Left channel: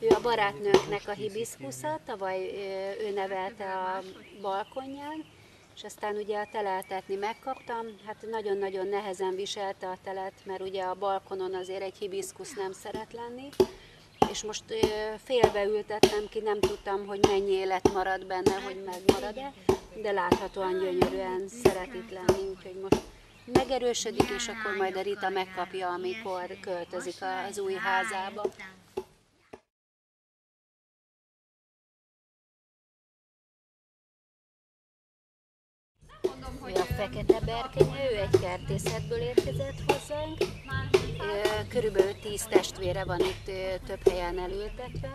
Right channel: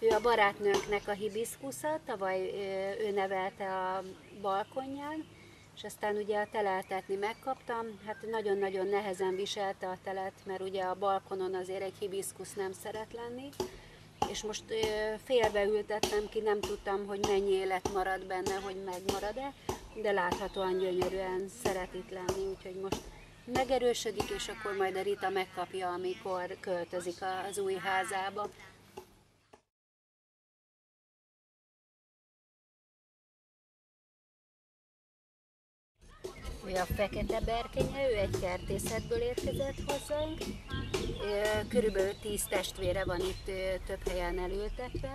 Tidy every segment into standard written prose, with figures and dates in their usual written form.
Ő a barátnőnknek a hibiszkusza, tavaly ő nevelte a balkonján, és aztán ugye a teleltetni megkaptam, hát nagyon-nagyon nehezen viselte a telet, mert ugye a balkonon azért egy hibiszkusz nem szeret lenni, és most félbeültettem ki, nem tudtam, hogy mennyi élet marad benne, hogy megmarad-e, de láthatóan gyönyörűen szeret itt lenni, úgyhogy most megerősödik, és akkor majd a Rita megkapja, amikor költözik az új házába. Ő a fekete berkenye, ő egy kertészetből érkezett hozzánk. Körülbelül 10 testvére van itt több helyen elültetve.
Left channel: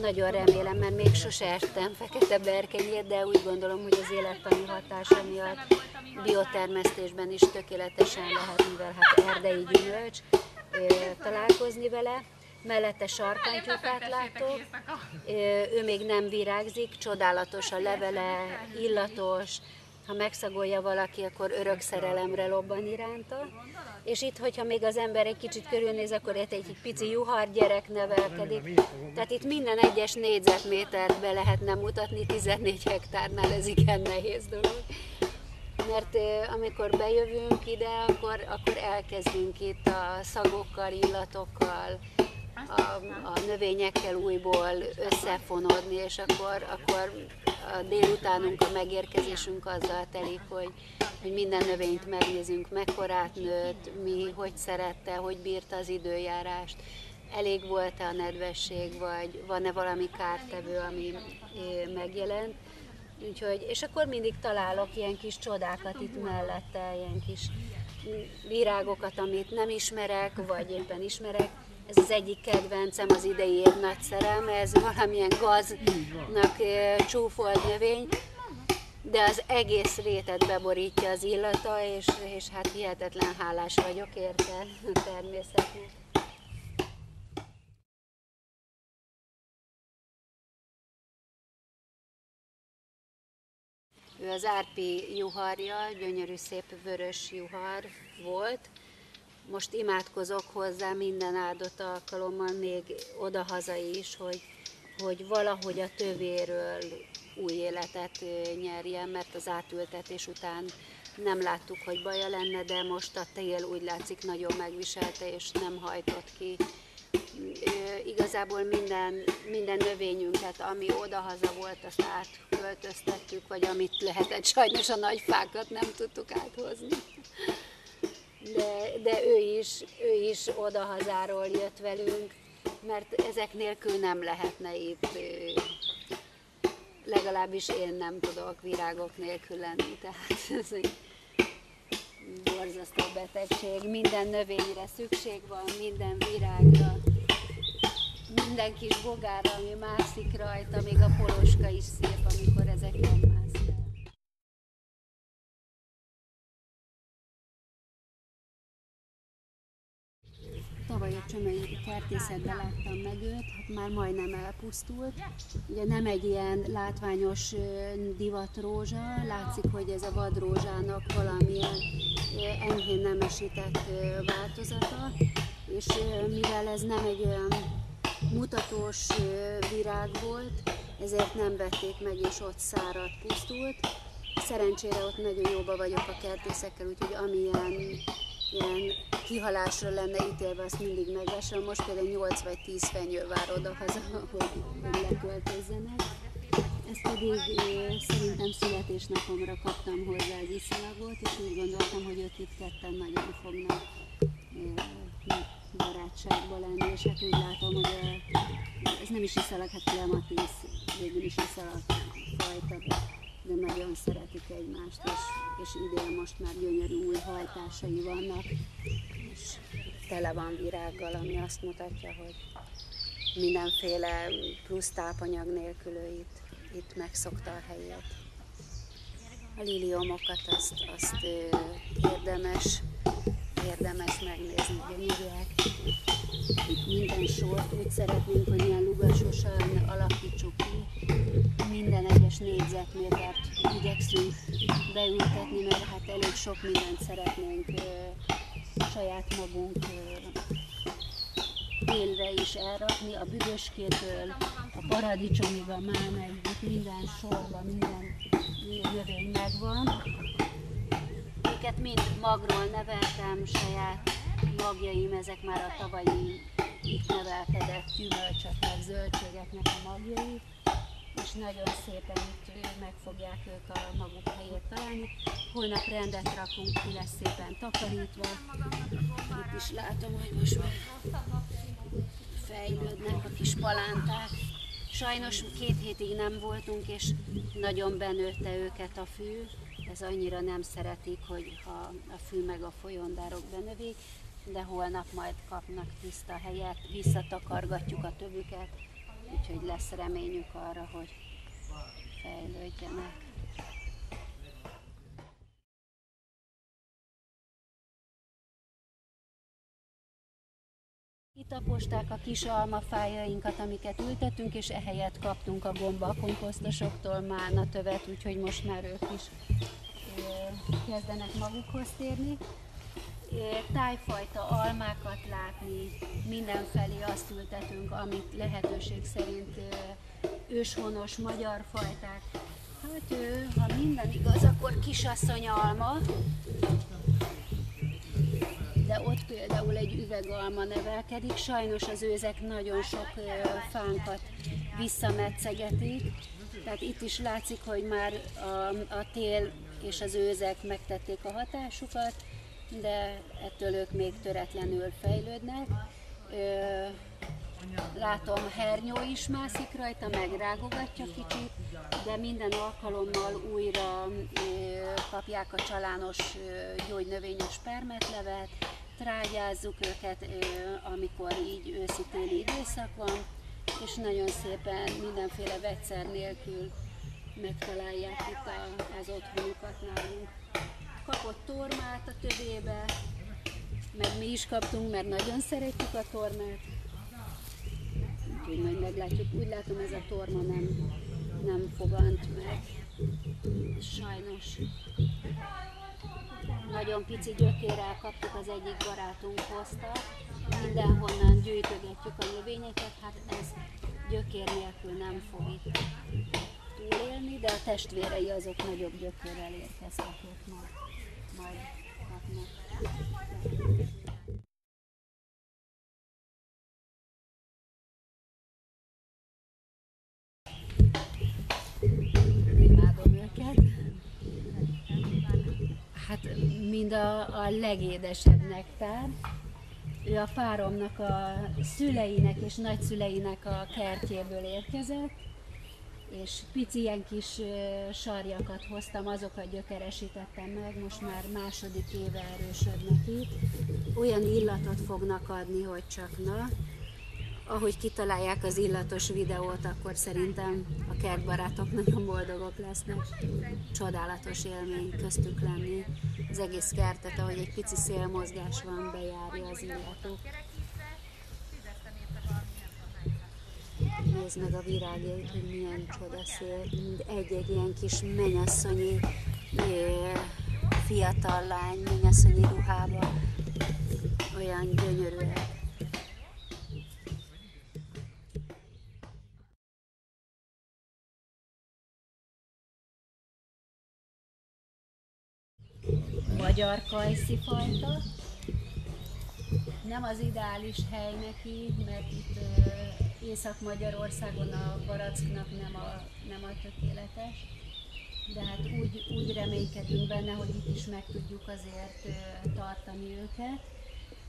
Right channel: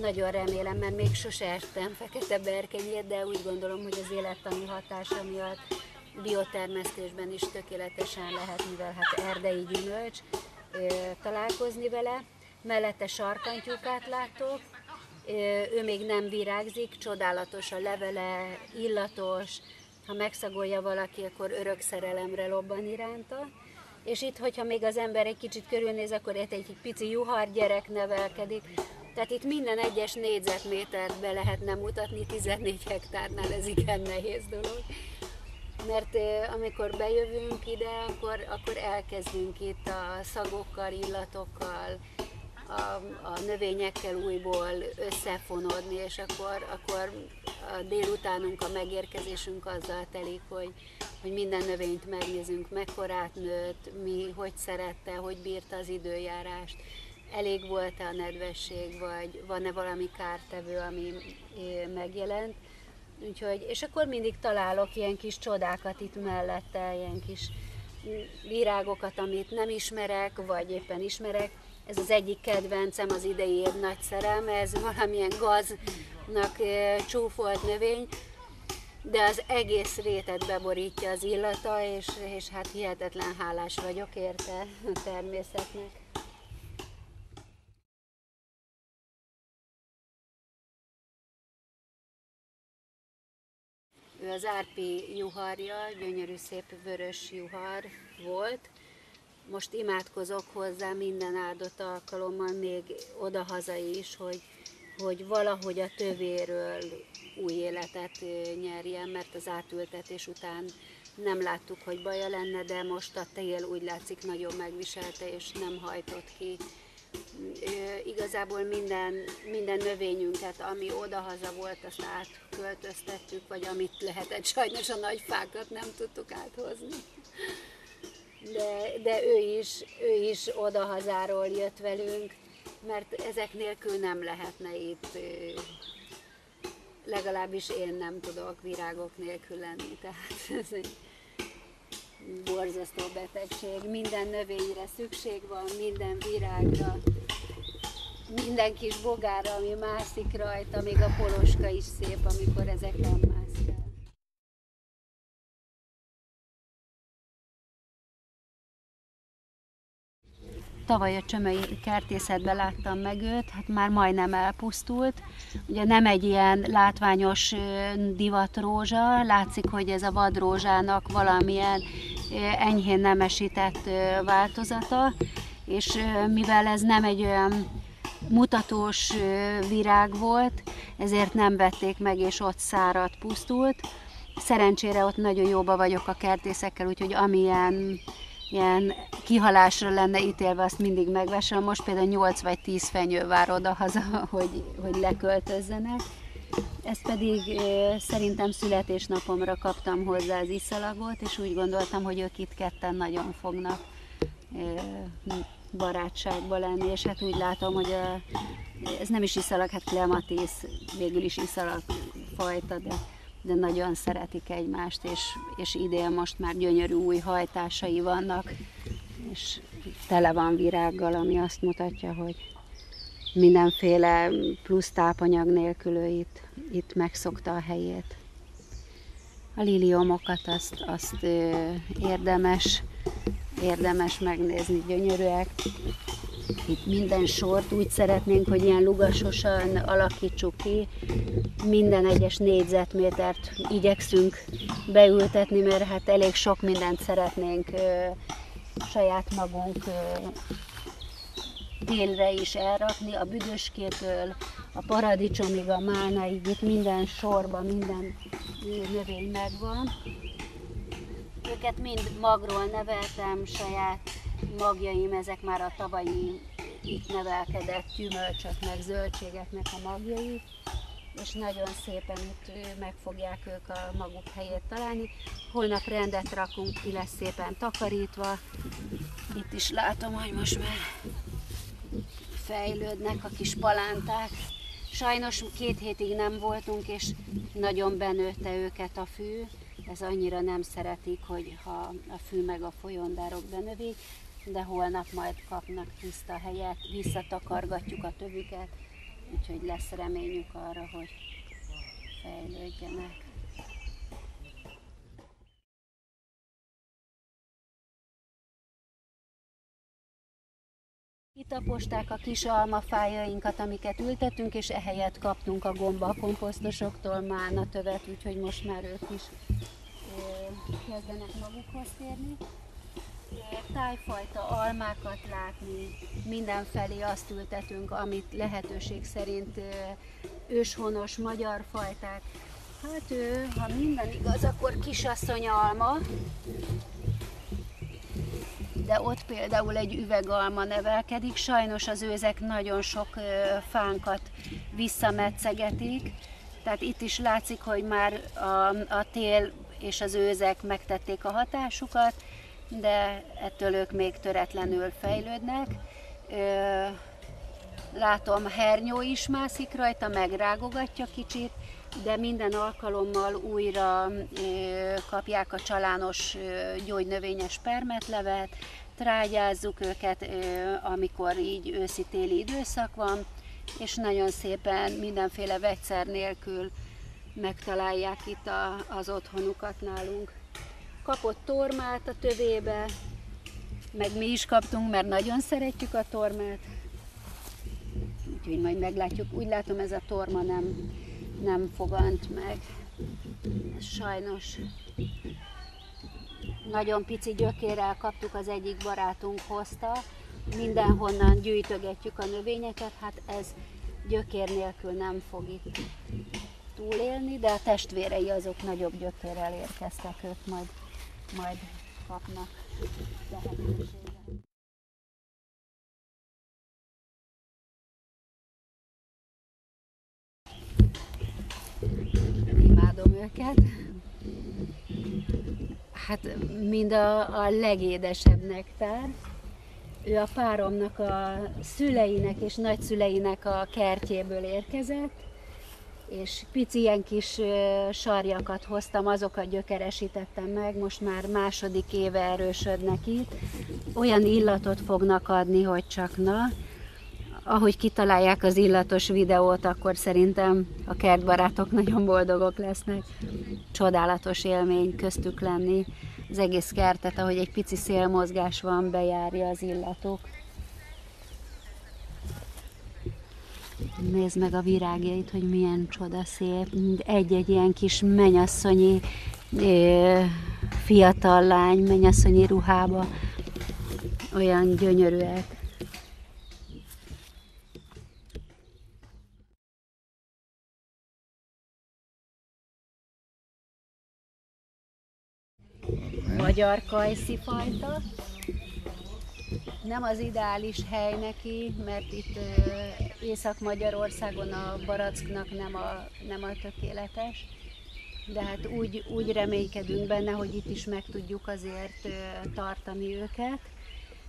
Nagyon remélem, mert még sose ettem fekete berkenyét, de úgy gondolom, hogy az élettani hatása miatt biotermesztésben is tökéletesen lehet, mivel hát erdei gyümölcs, találkozni vele. Mellette sarkantyúkát látok, ő még nem virágzik, csodálatos a levele, illatos, ha megszagolja valaki, akkor örök szerelemre lobban iránta. És itt, hogyha még az ember egy kicsit körülnéz, akkor itt egy pici juhar gyerek nevelkedik. Tehát itt minden egyes négyzetmétert be lehetne mutatni, 14 hektárnál ez igen nehéz dolog. Mert amikor bejövünk ide, akkor elkezdünk itt a szagokkal, illatokkal, a növényekkel újból összefonódni, és akkor a délutánunk, a megérkezésünk azzal telik, hogy minden növényt megnézünk, mekkorát nőtt, mi hogy szerette, hogy bírta az időjárást, elég volt-e a nedvesség, vagy van-e valami kártevő, ami megjelent. Úgyhogy, és akkor mindig találok ilyen kis csodákat itt mellette, ilyen kis virágokat, amit nem ismerek, vagy éppen ismerek. Ez az egyik kedvencem, az idei év nagy szerelme, ez valamilyen gaznak csúfolt növény, de az egész rétet beborítja az illata, és hát hihetetlen hálás vagyok érte a természetnek. Ő az árpi juharja, gyönyörű szép vörös juhar volt. Most imádkozok hozzá minden áldott alkalommal, még odahaza is, hogy valahogy a tövéről új életet nyerjen, mert az átültetés után nem láttuk, hogy baja lenne, de most a tél úgy látszik nagyon megviselte, és nem hajtott ki. Igazából minden növényünket, ami odahaza volt, azt átköltöztettük, vagy amit lehetett, sajnos a nagy fákat nem tudtuk áthozni. De ő is odahazáról jött velünk, mert ezek nélkül nem lehetne itt, legalábbis én nem tudok virágok nélkül lenni, tehát ez egy borzasztó betegség. Minden növényre szükség van, minden virágra, minden kis bogára, ami mászik rajta, még a poloska is szép, amikor ezeken mász fel. Tavaly a csömöi kertészetben láttam meg őt, hát már majdnem elpusztult. Ugye nem egy ilyen látványos divatrózsa, látszik, hogy ez a vadrózsának valamilyen enyhén nemesített változata, és mivel ez nem egy olyan mutatós virág volt, ezért nem vették meg, és ott száradt, pusztult. Szerencsére ott nagyon jóba vagyok a kertészekkel, úgyhogy amilyen ilyen kihalásra lenne ítélve, azt mindig megvesem. Most például 8 vagy 10 fenyő vár odahaza, hogy leköltözzenek. Ezt pedig szerintem születésnapomra kaptam hozzá az iszalagot, és úgy gondoltam, hogy ők itt ketten nagyon fognak barátságba lenni, és hát úgy látom, hogy ez nem is iszalag, hát klematis végül is iszalag fajta, de nagyon szeretik egymást, és idén most már gyönyörű új hajtásai vannak, és tele van virággal, ami azt mutatja, hogy mindenféle plusz tápanyag nélkül ő itt megszokta a helyét. A liliomokat azt érdemes megnézni, gyönyörűek. Itt minden sort úgy szeretnénk, hogy ilyen lugasosan alakítsuk ki. Minden egyes négyzetmétert igyekszünk beültetni, mert hát elég sok mindent szeretnénk saját magunk télre is elrakni, a büdöskétől a paradicsomig, a málnáig, itt minden sorban, minden növény megvan. Őket mind magról neveltem, saját magjaim, ezek már a tavalyi itt nevelkedett gyümölcsök, meg zöldségeknek a magjai, és nagyon szépen itt meg fogják ők a maguk helyét találni. Holnap rendet rakunk, ki lesz szépen takarítva. Itt is látom, hogy most már fejlődnek a kis palánták. Sajnos 2 hétig nem voltunk, és nagyon benőtte őket a fű. Ez annyira nem szeretik, hogy ha a fű meg a folyondárok benövik, de holnap majd kapnak tiszta helyet, visszatakargatjuk a tövüket, úgyhogy lesz reményük arra, hogy fejlődjenek. Kitaposták a kis almafájainkat, amiket ültettünk, és ehelyett kaptunk a gombakomposztosoktól mánatövet, úgyhogy most már ők is kezdenek magukhoz térni. Tájfajta almákat látni, mindenfelé azt ültetünk, amit lehetőség szerint őshonos magyar fajták. Hát ha minden igaz, akkor kisasszony alma, de ott például egy üvegalma nevelkedik, sajnos az őzek nagyon sok fánkat visszametszegetik, tehát itt is látszik, hogy már a tél és az őzek megtették a hatásukat, de ettől ők még töretlenül fejlődnek. Látom, hernyó is mászik rajta, megrágogatja kicsit, de minden alkalommal újra kapják a csalános gyógynövényes permetlevet, trágyázzuk őket, amikor így őszi-téli időszak van, és nagyon szépen mindenféle vegyszer nélkül megtalálják itt az otthonukat nálunk. Kapott tormát a tövébe, meg mi is kaptunk, mert nagyon szeretjük a tormát. Úgyhogy majd meglátjuk. Úgy látom, ez a torma nem fogant meg. Ez sajnos nagyon pici gyökérrel kaptuk, az egyik barátunk hozta. Mindenhonnan gyűjtögetjük a növényeket, hát ez gyökér nélkül nem fog itt túlélni, de a testvérei azok nagyobb gyökérrel érkeztek, ők majd kapnak lehetőséget. Imádom őket. Hát mind a legédesebb nektár. Ő a páromnak a szüleinek és nagyszüleinek a kertjéből érkezett, és pici ilyen kis sarjakat hoztam, azokat gyökeresítettem meg, most már második éve erősödnek itt. Olyan illatot fognak adni, hogy csak na. Ahogy kitalálják az illatos videót, akkor szerintem a kertbarátok nagyon boldogok lesznek. Csodálatos élmény köztük lenni. Az egész kertet, ahogy egy pici szélmozgás van, bejárja az illatok. Nézd meg a virágjait, hogy milyen csodaszép. Egy-egy ilyen kis mennyasszonyi fiatal lány, mennyasszonyi ruhába. Olyan gyönyörűek. Magyar kajszifajta. Nem az ideális hely neki, mert itt Észak-Magyarországon a baracknak nem a tökéletes, de hát úgy reménykedünk benne, hogy itt is meg tudjuk azért tartani őket.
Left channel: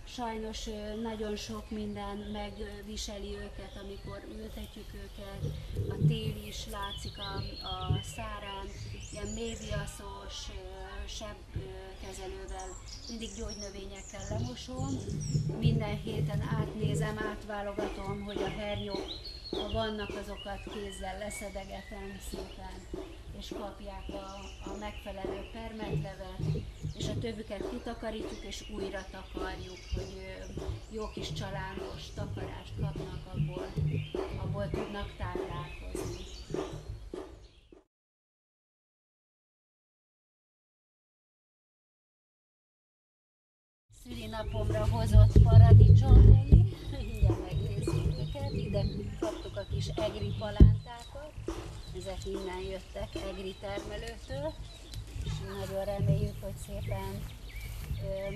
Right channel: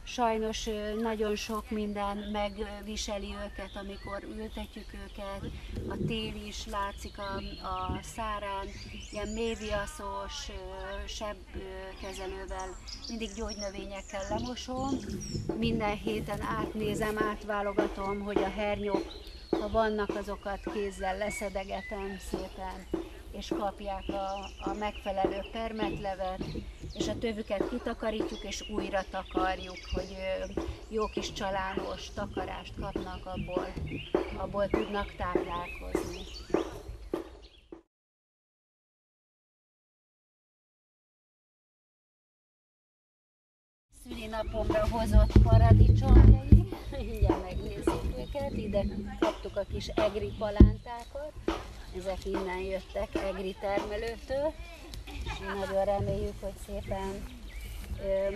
Sajnos nagyon sok minden megviseli őket, amikor ültetjük őket. A tél is látszik a szárán, ilyen méviaszos sebkezelővel, mindig gyógynövényekkel lemosom. Minden héten átnézem, átválogatom, hogy a hernyók, ha vannak, azokat kézzel leszedegetem szépen, és kapják a megfelelő permetlevet, és a tövüket kitakarítjuk, és újra takarjuk, hogy jó kis csalános takarást kapnak, abból tudnak táplálkozni. Szülinapomra hozott paradicsomjai, mindjárt ide kaptuk a kis egri palántákat, ezek innen jöttek egri termelőtől, és nagyon reméljük, hogy szépen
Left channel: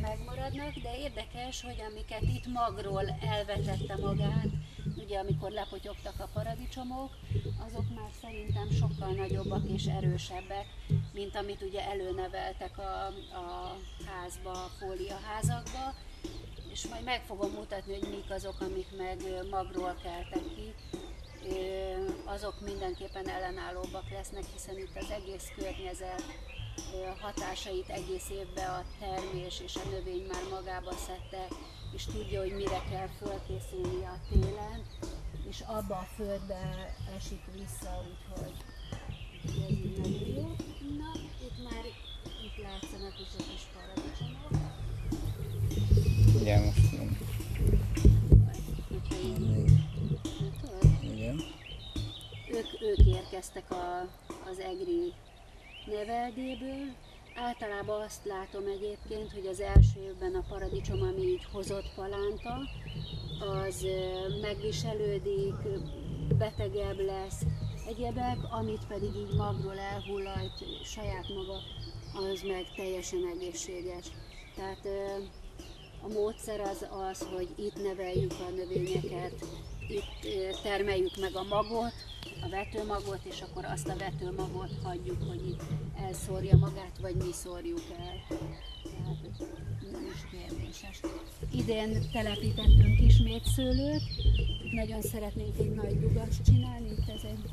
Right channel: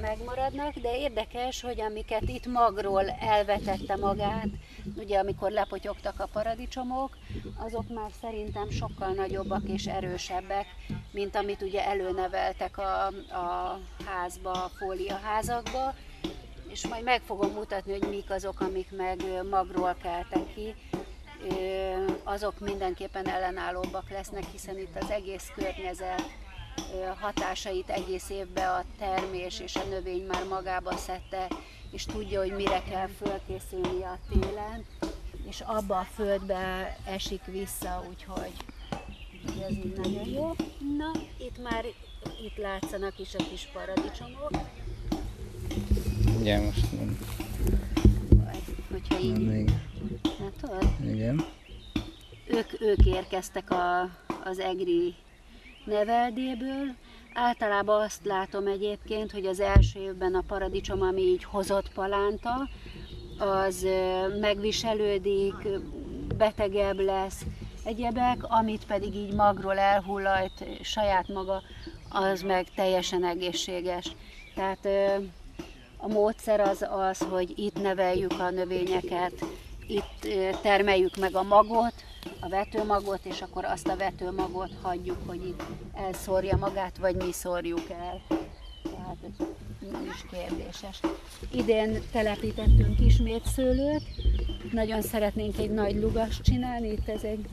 megmaradnak, de érdekes, hogy amiket itt magról elvetette magát, ugye amikor lepotyogtak a paradicsomok, azok már szerintem sokkal nagyobbak és erősebbek, mint amit ugye előneveltek a házba, a fóliaházakba, és majd meg fogom mutatni, hogy mik azok, amik meg magról keltek ki. Azok mindenképpen ellenállóbbak lesznek, hiszen itt az egész környezet hatásait egész évben a termés és a növény már magába szedte, és tudja, hogy mire kell fölkészülni a télen, és abba a földbe esik vissza, úgyhogy ez így nagyon jó. Na, itt látszanak is a kis paradicsomok. Igen, most nem. Hogyha így, látod? Igen. Ők érkeztek az egri neveldéből. Általában azt látom egyébként, hogy az első évben a paradicsom, ami így hozott palánta, az megviselődik, betegebb lesz, egyebek, amit pedig így magról elhullajt saját maga, az meg teljesen egészséges. Tehát a módszer az, hogy itt neveljük a növényeket, itt termeljük meg a magot, a vetőmagot, és akkor azt a vetőmagot hagyjuk, hogy itt elszórja magát, vagy mi szórjuk el. Tehát ez nem is kérdéses. Idén telepítettünk ismét szőlőt, nagyon szeretnénk egy nagy lugast csinálni, itt ez egy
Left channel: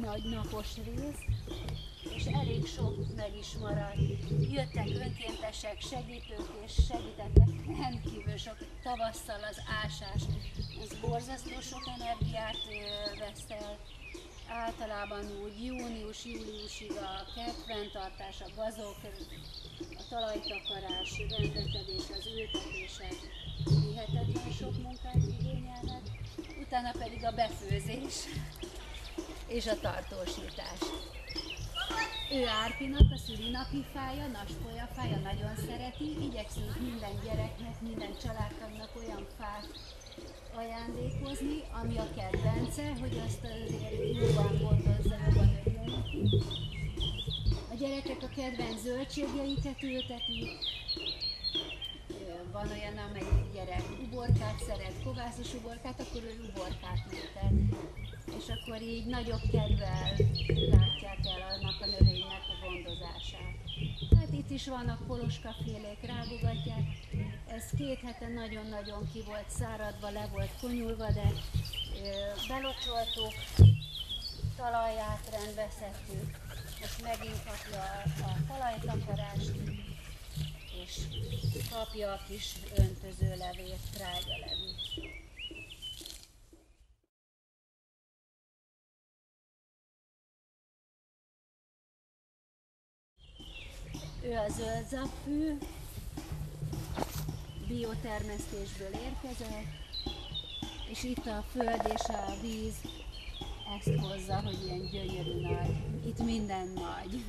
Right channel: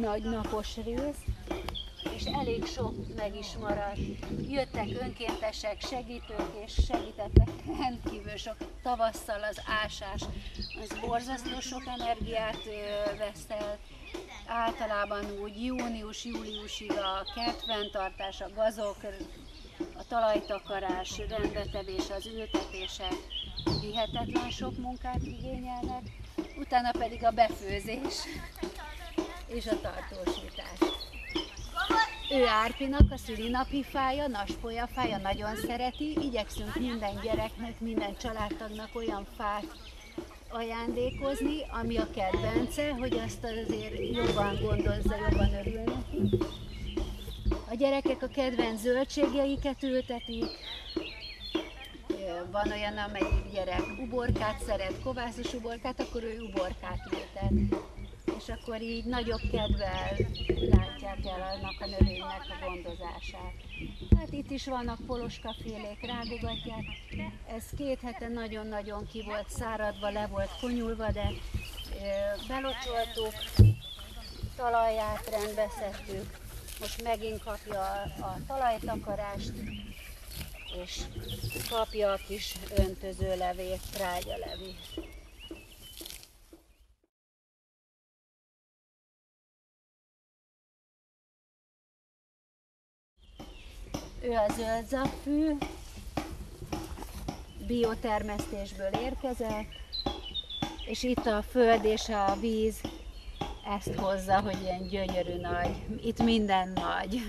nagy napos rész, és elég sok meg is maradt. Jöttek önkéntesek, segítők, és segítettek rendkívül sok. Tavasszal az ásás, az borzasztó sok energiát vesz el. Általában úgy június-júliusig a kertfenntartás, a gazok, a talajtakarás, rendbetevés, az ültetések hihetetlen sok munkát igényelnek, utána pedig a befőzés és a tartósítás. Ő Árpinak a szülinapi fája, naspolyafája, nagyon szereti, igyekszünk minden gyereknek, minden családtagnak olyan fát ajándékozni, ami a kedvence, hogy azt azért jobban gondozza, jobban örül neki. A gyerekek a kedvenc zöldségeiket ültetik, van olyan, amelyik gyerek uborkát szeret, kovászos uborkát, akkor ő uborkát ültet. És akkor így nagyobb kedvel látják el annak a növénynek a gondozását. Hát itt is vannak poloskafélék, rágogatják. Ez 2 hete nagyon-nagyon ki volt száradva, le volt konyulva, de belocsoltuk, talaját rendbe szedtük. Most megint kapja a talajtakarást, és kapja a kis öntözőlevét, trágyalevét. Ő a zöldzapfű, biotermesztésből érkezett, és itt a föld és a víz ezt hozza, hogy ilyen gyönyörű nagy. Itt minden nagy.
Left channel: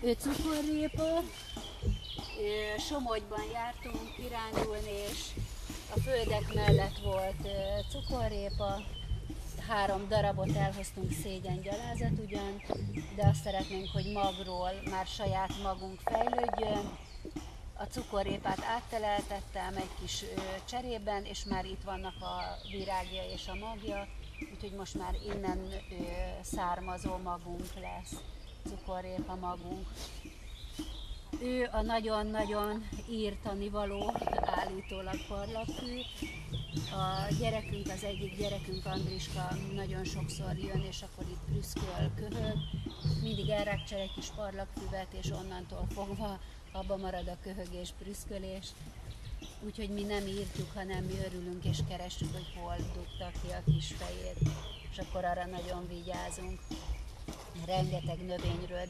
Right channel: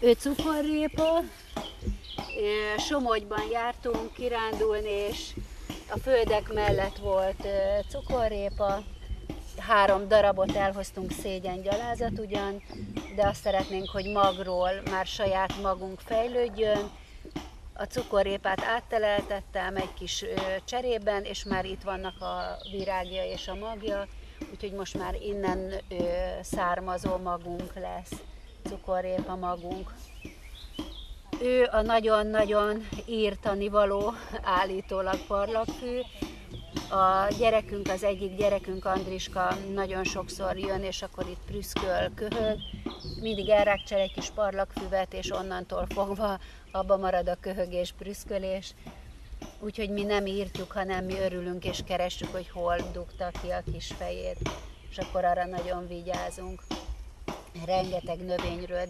Ő cukorrépa, Somogyban jártunk kirándulni, és a földek mellett volt cukorrépa. 3 darabot elhoztunk, szégyengyalázat ugyan, de azt szeretnénk, hogy magról már saját magunk fejlődjön. A cukorrépát átteleltettem egy kis cserében, és már itt vannak a virágja és a magja, úgyhogy most már innen származó magunk lesz, cukorrépa magunk. Ő a nagyon-nagyon írtanivaló, állítólag parlagfű. A gyerekünk, az egyik gyerekünk, Andriska nagyon sokszor jön, és akkor itt prüszköl, köhög. Mindig elrákcsel egy kis parlagfüvet, és onnantól fogva abba marad a köhögés, prüszkölés. Úgyhogy mi nem írtjuk, hanem mi örülünk, és keressük, hogy hol dugta ki a kis fejét. És akkor arra nagyon vigyázunk. Rengeteg növényről